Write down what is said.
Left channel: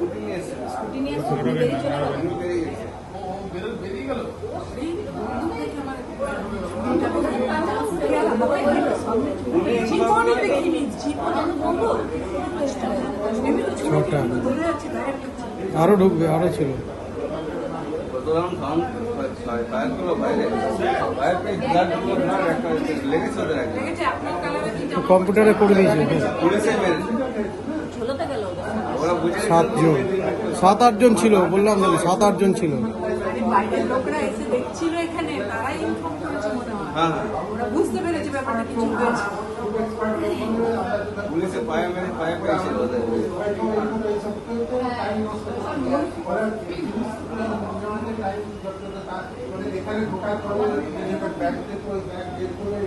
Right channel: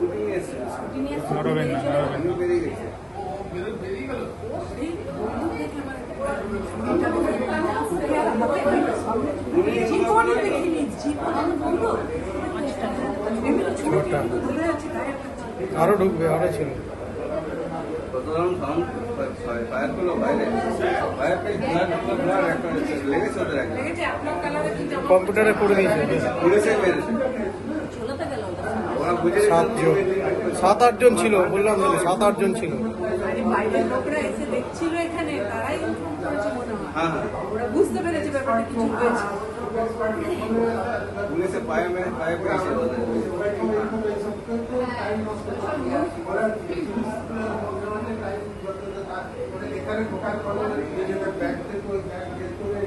Scooty নিয়ে এসে বেরিয়ে চলে গেল। জীবনে দেখিনি, জীবনে বলবো আরো ঢুকবে, আরো ছিল। কম্পিউটারে করে দিয়েছে। ঝোলাতে গেল। 7 জন ছিল, বললাম 7-8 জন ছিল। বাইরের লোকরা এসে দেখছিল এখানে, তারাই ইনফর্ম করেছে মনে হয়। ওরা বুঝতে পেরেছে ব্যাপারটা কিছু হয়েছে। পুলিশে পায়ে মেরে পায়ে পেয়েছিল। এখানে ঢোকার পরে ব্যাগ করে